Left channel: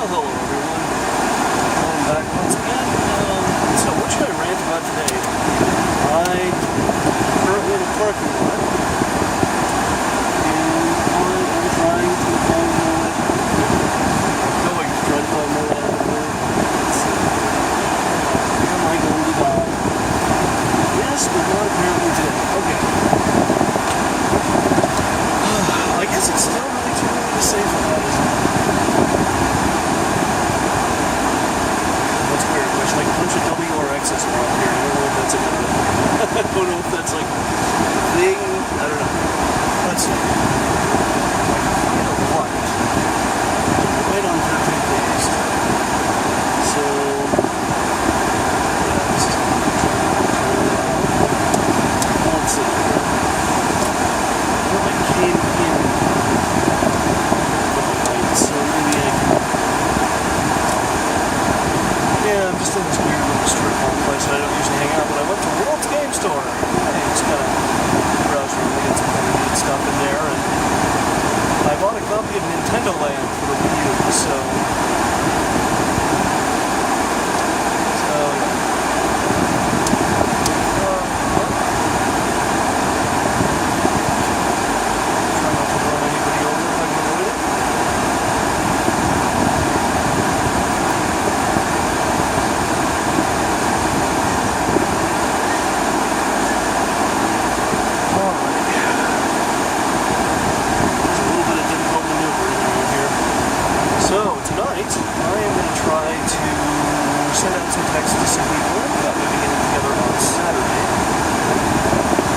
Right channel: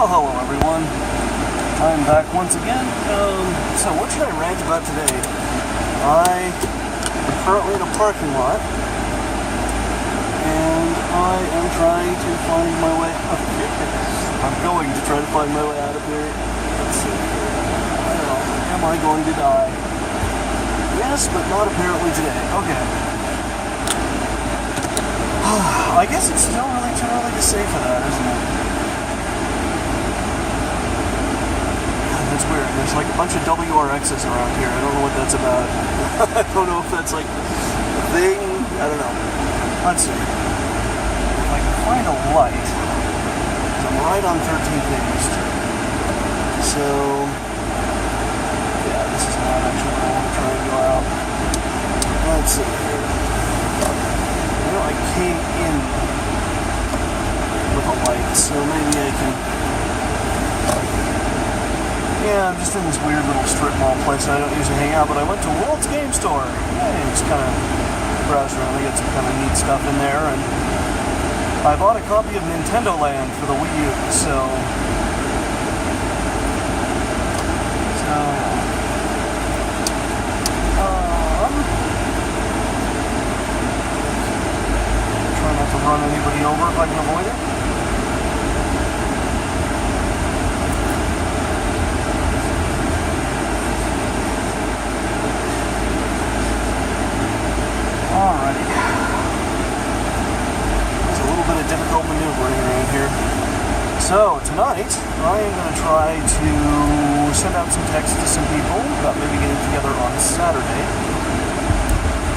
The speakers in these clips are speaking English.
Well, hello everyone. I'm back once again. So what should I rant about today? I am currently in a parking lot, and I am trying to find my way out of here. I'm going to try to find my way out of here. Let's see here. Am I going to die? Yes, but not apparently today. Okay. I guess it's still really too early to say for that, isn't it? That's weird. There's like a bunch of WRXs around here. I don't know what that's about. I don't know if that's like a thing. I don't know. Let's see. If I can find a light, I'm right on 13th East. So, yeah, this is not actually what I want to try to go out. Let's see here. Well, I came in with a light, so maybe I can... Yeah, I'm just in this weird little strip mall place that I don't usually hang out, but I went to World's Game Store. Yeah, it's kind of browsed around. We got some kind of neat stuff in there, and I bought a copy of Nintendo Land for the Wii U, so yeah. Try not to run anybody over if I can avoid it. So, tonight, I am going to try to send out some texts to some people about maybe getting together on Saturday.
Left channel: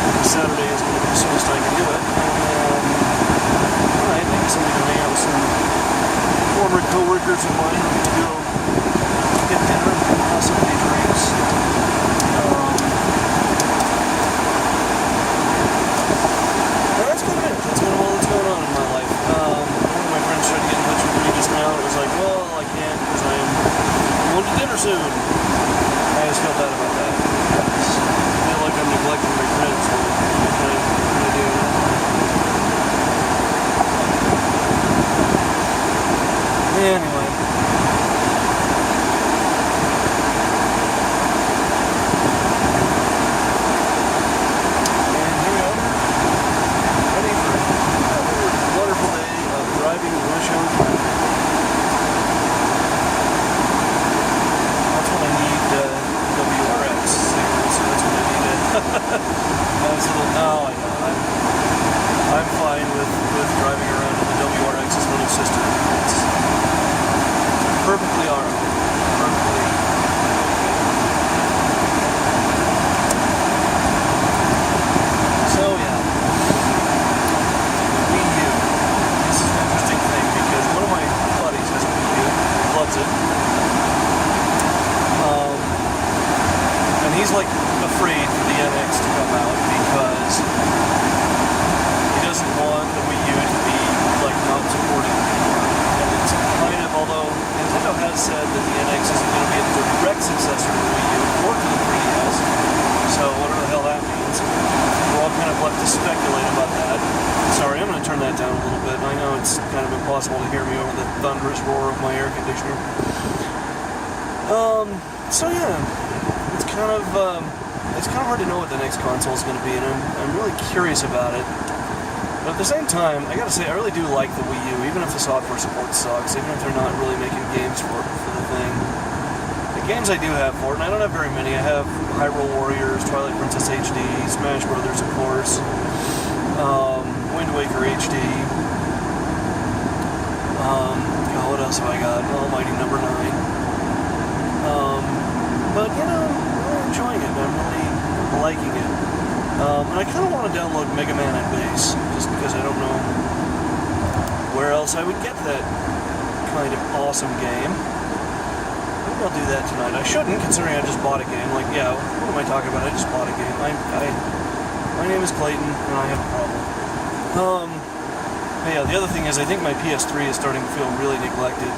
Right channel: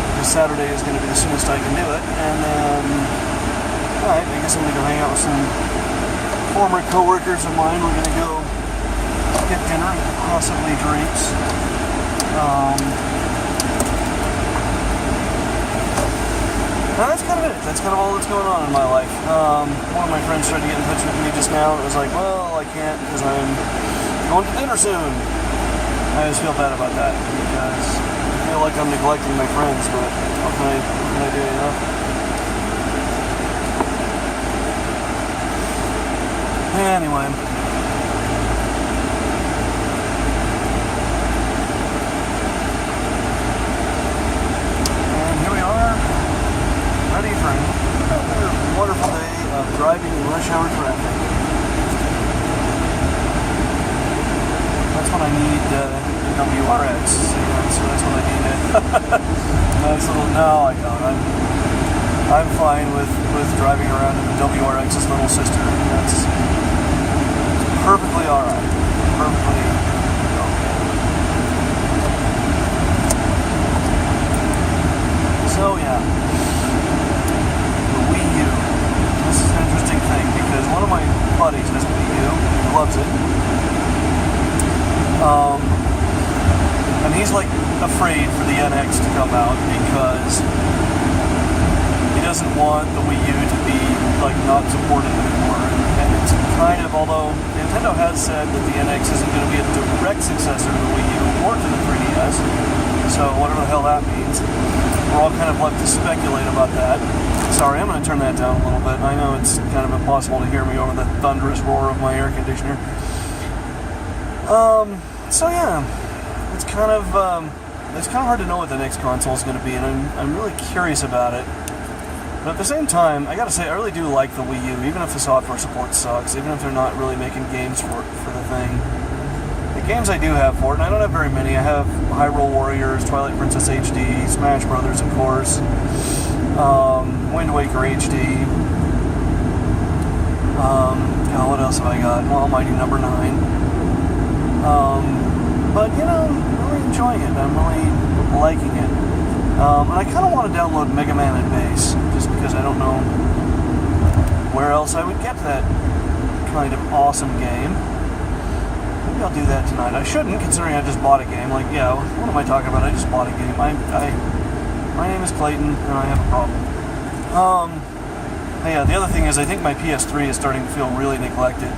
Because Saturday is going to be the soonest I can do it. And then, I guess I'm going to go hang out with some former co-workers of mine. We're going to go get dinner and possibly drinks. That's kind of it. That's kind of all that's going on in my life. One of my friends tried to get in touch with me just now, and it was like, well, I can't because I'm going to dinner soon. I just feel bad about that because I feel like I'm neglecting my friends, but what can I do, you know? Yeah, anyway. Wonderful day of driving in rush hour traffic. That's when I need WRX, so that's when I need it. Nice little, no, I don't. I'm fine with driving around in the WRX's little sister. It's perfectly alright. Perfectly okay. So yeah. One of my buddies has a Wii U, loves it, and he's like afraid for the NX to come out because he doesn't want the Wii U to be like not supported anymore. And it's kind of, although Nintendo has said that the NX isn't going to be a direct successor to the Wii U or to the 3DS, so whatever the hell that means, we're all kind of left to speculate about that. Sorry, I'm going to turn that down a little bit. I know it's kind of impossible to hear me over the thunderous roar of my air conditioner. So yeah, it's kind of hard to know what the next console is going to be, and I'm really curious about it. But at the same time, I got to say, I really do like the Wii U, even if the software support sucks, even if they're not really making games for the thing. The games I do have for it, and I don't have very many. I have Hyrule Warriors, Twilight Princess HD, Smash Brothers, of course. Wind Waker HD. What else have I got? Almighty Number 9. But you know, I'm really enjoying it. I'm really liking it. And I kind of want to download Mega Man and Bass, just because I don't know where else I would get that kind of awesome game. Maybe I'll do that tonight. I shouldn't, considering I just bought a game. Like, yeah, what am I talking about? I just bought a game. My name is Clayton, and I have a problem. Yeah, the other thing is I think my PS3 is starting to feel really neglected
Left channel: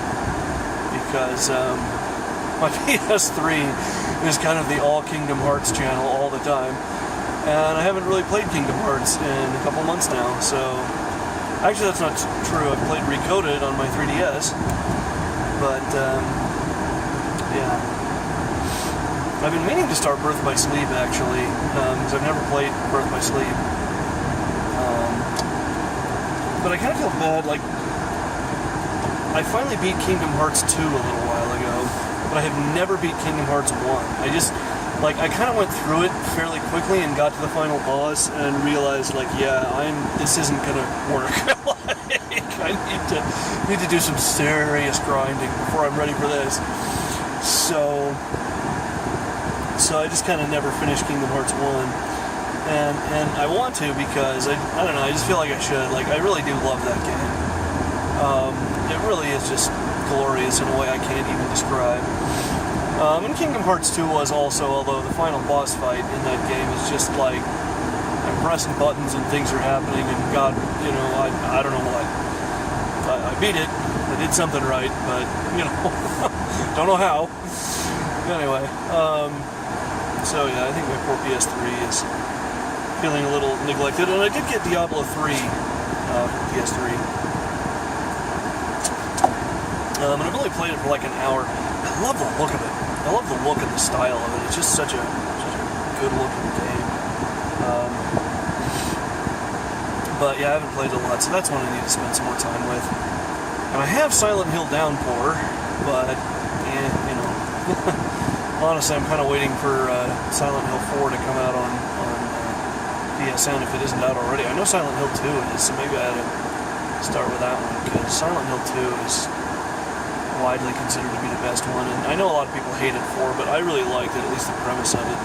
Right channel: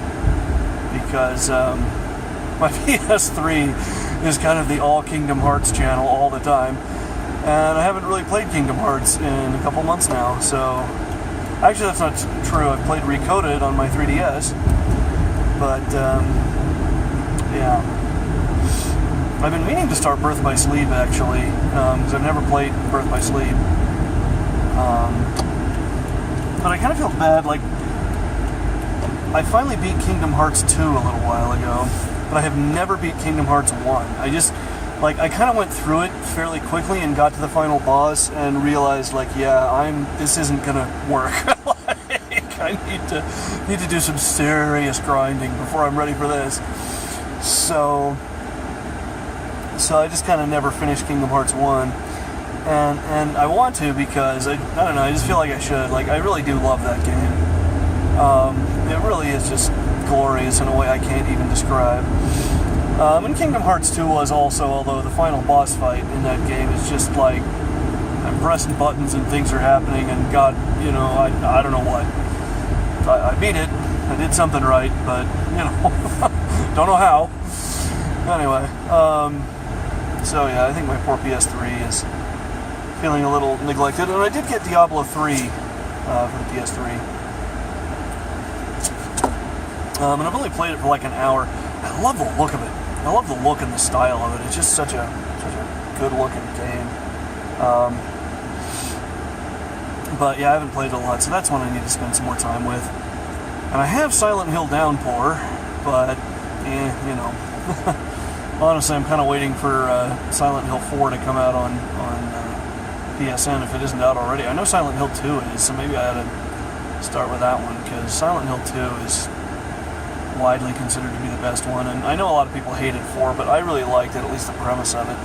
because my PS3 is kind of the all Kingdom Hearts channel all the time, and I haven't really played Kingdom Hearts in a couple months now, so actually that's not true. I've played Recoded on my 3DS, But yeah, I've been meaning to start Birth by Sleep actually, because I've never played Birth by Sleep. But I kind of feel bad. Like, I finally beat Kingdom Hearts 2 a little while ago, but I have never beat Kingdom Hearts 1. I kind of went through it fairly quickly and got to the final boss and realized, like, yeah, this isn't gonna work. I need to do some serious grinding before I'm ready for this. So I just kind of never finished Kingdom Hearts 1. And I want to because, I don't know, I just feel like I should. Like, I really do love that game. It really is just glorious in a way I can't even describe. And Kingdom Hearts 2 was also, although the final boss fight in that game is just like, I'm pressing buttons and things are happening, and God, you know, I don't know what. I beat it, I did something right, but, you know, don't know how. Anyway, so yeah, I think my poor PS3 is feeling a little neglected, and I did get Diablo 3 for the PS3. And I've only played it for like an hour. I love the look of it. I love the look and the style of it. It's just such a good looking game. But yeah, I haven't played it a lot, so that's one I need to spend some more time with. And I have Silent Hill Downpour, but you know, honestly, I'm kind of waiting for Silent Hill 4 to come out on PSN if it isn't out already. I know Silent Hill 2 is, so maybe I ought to start with that one, because Silent Hill 2 is widely considered to be the best one, and I know a lot of people hated 4, but I really liked it, at least the premise of it.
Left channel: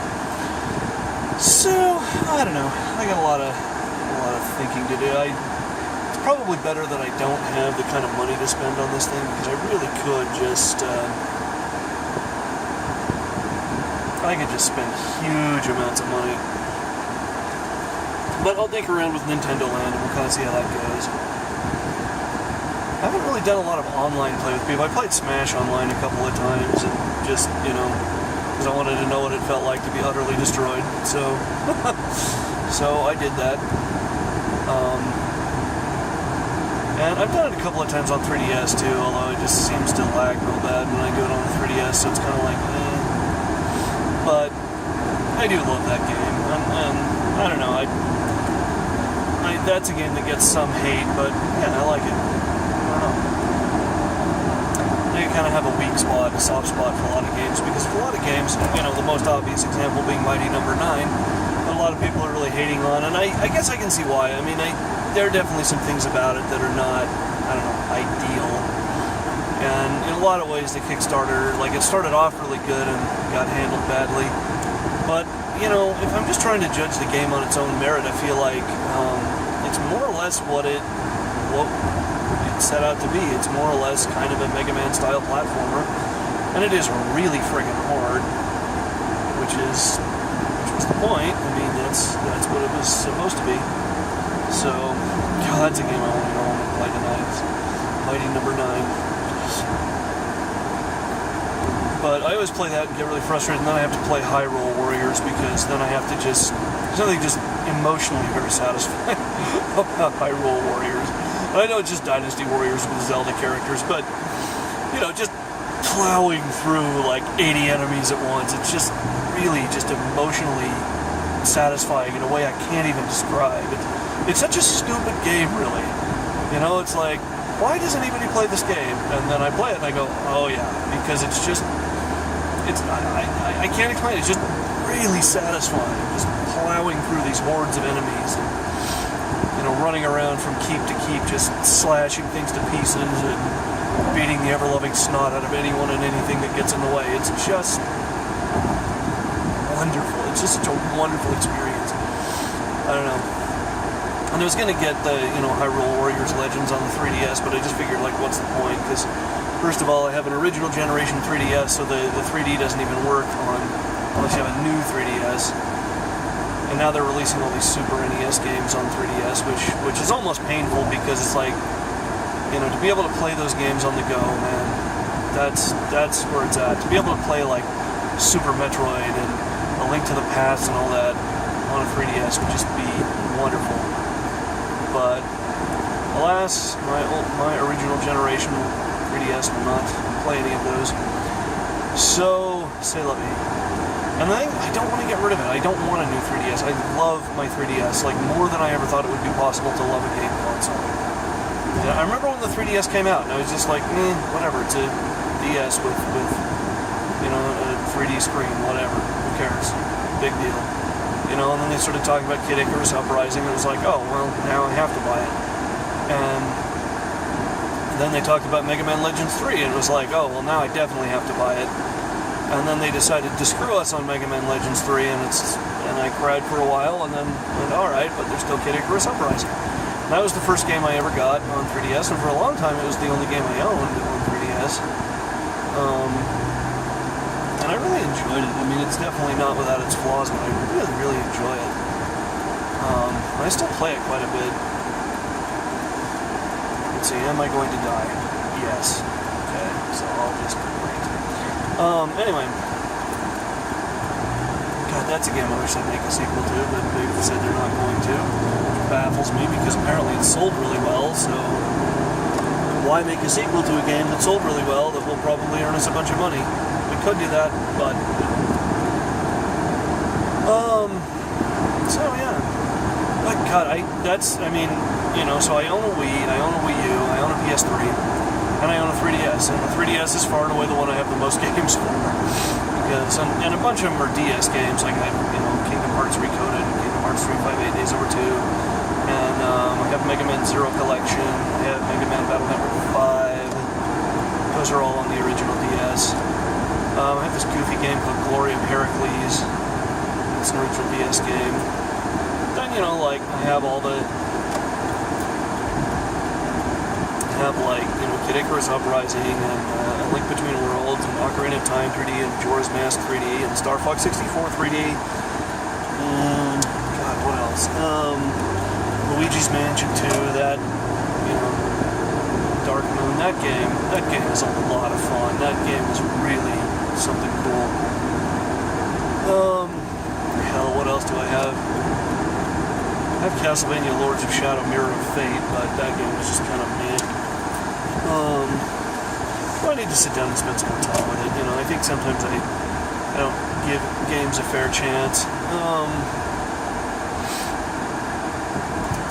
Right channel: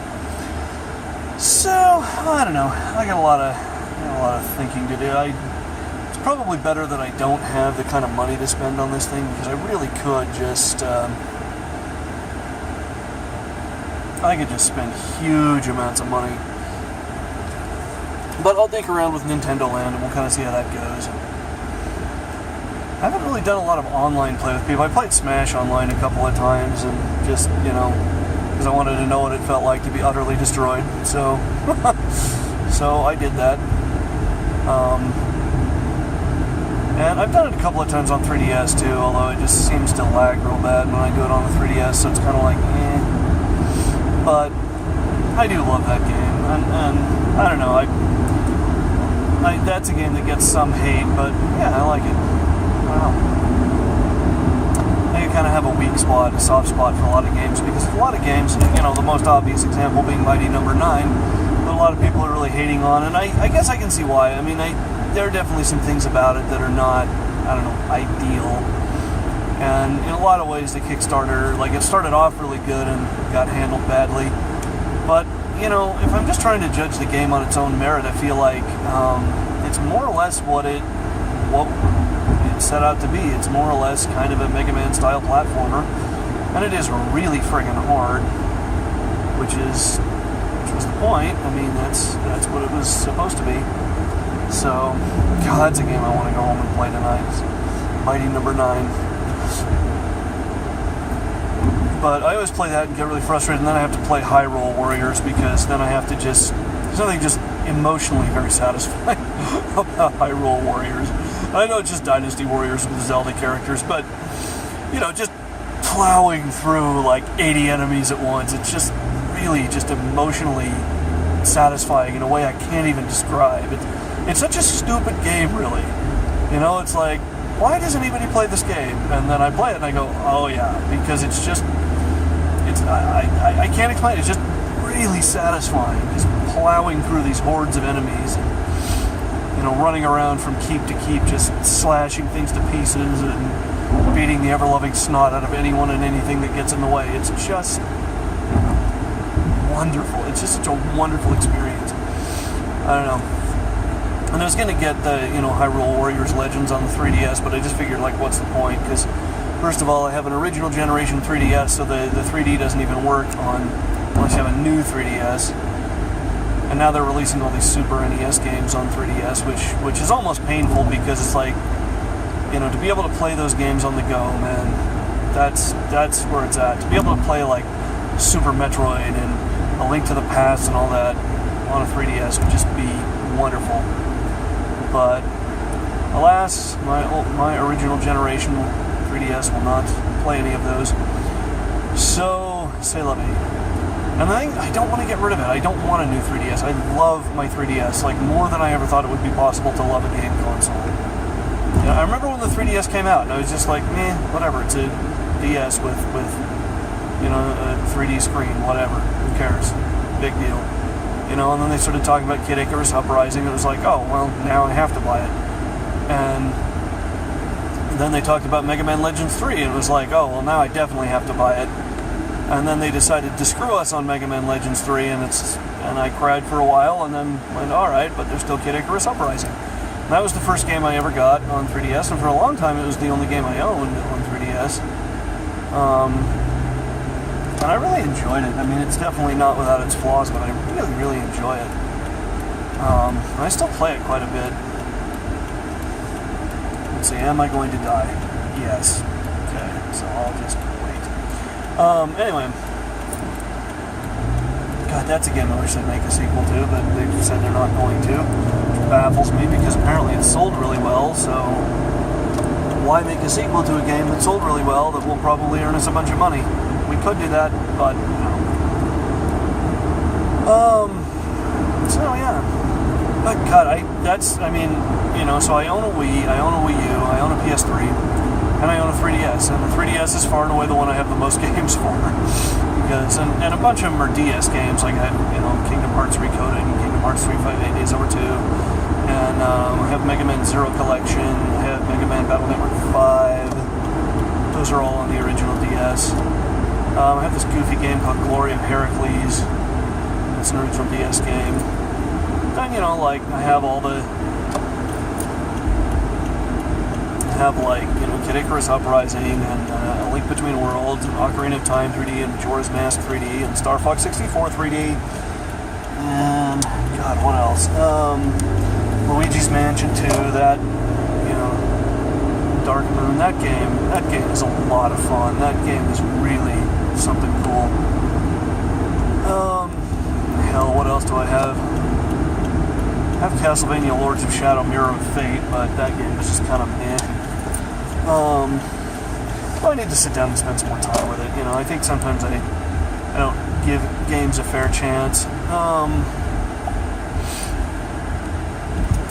So, I don't know. I got a lot of thinking to do. It's probably better that I don't have the kind of money to spend on this thing, because I really could just I could just spend huge amounts of money. But I'll dink around with Nintendo Land and we'll kind of see how that goes. I haven't really done a lot of online play with people. I played Smash online a couple of times, and just, you know, because I wanted to know what it felt like to be utterly destroyed. So, so I did that. And I've done it a couple of times on 3DS too, although it just seems to lag real bad when I do it on the 3DS, so it's kind of like, eh. But I do love that game, and I don't know, that's a game that gets some hate, but yeah, I like it. I don't know. I kind of have a weak spot, a soft spot for a lot of games, because for a lot of games, you know, the most obvious example being Mighty Number 9, that a lot of people are really hating on, and I guess I can see why. I mean, there are definitely some things about it that are not, I don't know, ideal. And in a lot of ways, the Kickstarter, like, it started off really good and got handled badly. But, you know, if I'm just trying to judge the game on its own merit, I feel like it's more or less what it set out to be. It's more or less kind of a Mega Man style platformer, and it is really friggin' hard, which was the point. I mean, that's what it was supposed to be. So, God, that's a game I want to go home and play tonight. It's Mighty Number 9. But I always play that and get really frustrated, and then I have to play Hyrule Warriors, because then I have to there's something just emotionally very satisfying about Hyrule Warriors. I know it's just Dynasty Warriors with Zelda characters, but, you know, just plowing through like 80 enemies at once, it's just really just emotionally satisfying in a way I can't even describe. It's such a stupid game, really. You know, it's like, why does anybody play this game? And then I play it and I go, oh yeah, because it's just, I can't explain it. It's just really satisfying, just plowing through these hordes of enemies and, you know, running around from keep to keep, just slashing things to pieces and beating the ever-loving snot out of anyone and anything that gets in the way. It's just wonderful. It's just such a wonderful experience. I don't know. And I was going to get the, you know, Hyrule Warriors Legends on the 3DS, but I just figured, like, what's the point? Because, first of all, I have an original generation 3DS, so the 3D doesn't even work unless you have a new 3DS. And now they're releasing all these Super NES games on 3DS, which is almost painful, because it's like, you know, to be able to play those games on the go, man, that's where it's at. To be able to play, like, Super Metroid and A Link to the Past and all that on a 3DS would just be wonderful. But alas, my original generation 3DS will not play any of those. So, c'est la vie. And I don't want to get rid of it. I don't want a new 3DS. I love my 3DS, like more than I ever thought it would be possible to love a game console. You know, I remember when the 3DS came out, and I was just like, whatever. It's a DS with you know, a 3D screen, whatever. Who cares? Big deal. You know, and then they started talking about Kid Icarus Uprising. It was like, oh, well, now I have to buy it. And then they talked about Mega Man Legends 3, and it was like, oh, well, now I definitely have to buy it. And then they decided to screw us on Mega Man Legends 3, and I cried for a while, and then went, alright, but there's still Kid Icarus Uprising. And that was the first game I ever got on 3DS, and for a long time it was the only game I owned on 3DS. And I really enjoyed it. I mean, it's definitely not without its flaws, but I really, really enjoy it. I still play it quite a bit. Let's see, am I going to die? Yes. Okay, so I'll just wait. Anyway. God, that's a game I wish I'd make a sequel to, but they've said they're not going to. Which baffles me, because apparently it sold really well, so why make a sequel to a game that sold really well that will probably earn us a bunch of money? We could do that, but so yeah. But God, so I own a Wii, I own a Wii U, I own a PS3, and I own a 3DS. And the 3DS is far and away the one I have the most games for, because and a bunch of them are DS games. Like I have, Kingdom Hearts Recoded and Kingdom Hearts 358 Days Over 2, and I have Mega Man Zero Collection. I have Mega Man Battle Network 5. Those are all on the original DS. I have this goofy game called Glory of Heracles. It's an original DS game. Then, I have all the... Kid Icarus Uprising, and A Link Between Worlds, and Ocarina of Time 3D, and Majora's Mask 3D, and Star Fox 64 3D, and... God, what else? Luigi's Mansion 2, that, Dark Moon, that game is a lot of fun. That game is really something cool. Hell, what else do I have? I have Castlevania Lords of Shadow Mirror of Fate, but that game was just kind of meh. I need to sit down and spend some more time with it. I think sometimes I don't give games a fair chance.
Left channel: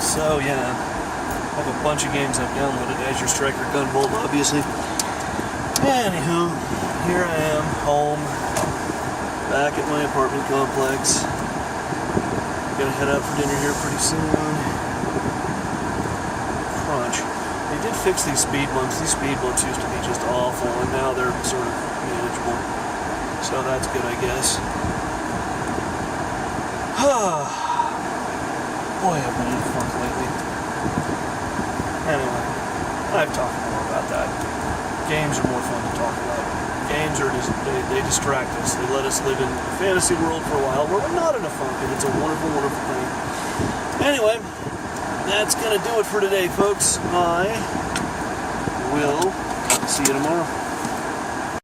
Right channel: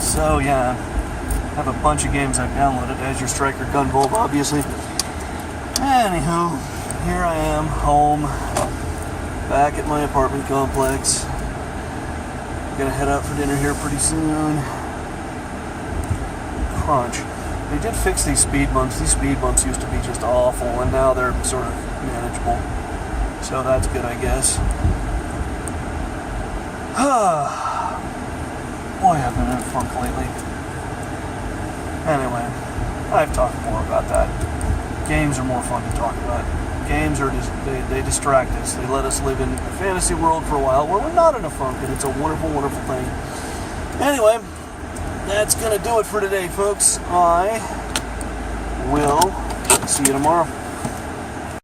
So yeah, I have a bunch of games I've downloaded. Azure Striker, Gunvolt, obviously. Anywho, here I am, home, back at my apartment complex. Gonna head out for dinner here pretty soon. Crunch. They did fix these speed bumps. These speed bumps used to be just awful, and now they're sort of manageable. So that's good, I guess. Boy, I've been in a funk lately. Anyway, I've talked more about that. Games are more fun to talk about. Games are just, they distract us. They let us live in a fantasy world for a while where we're not in a funk, and it's a wonderful, wonderful thing. Anyway, that's going to do it for today, folks. I will see you tomorrow.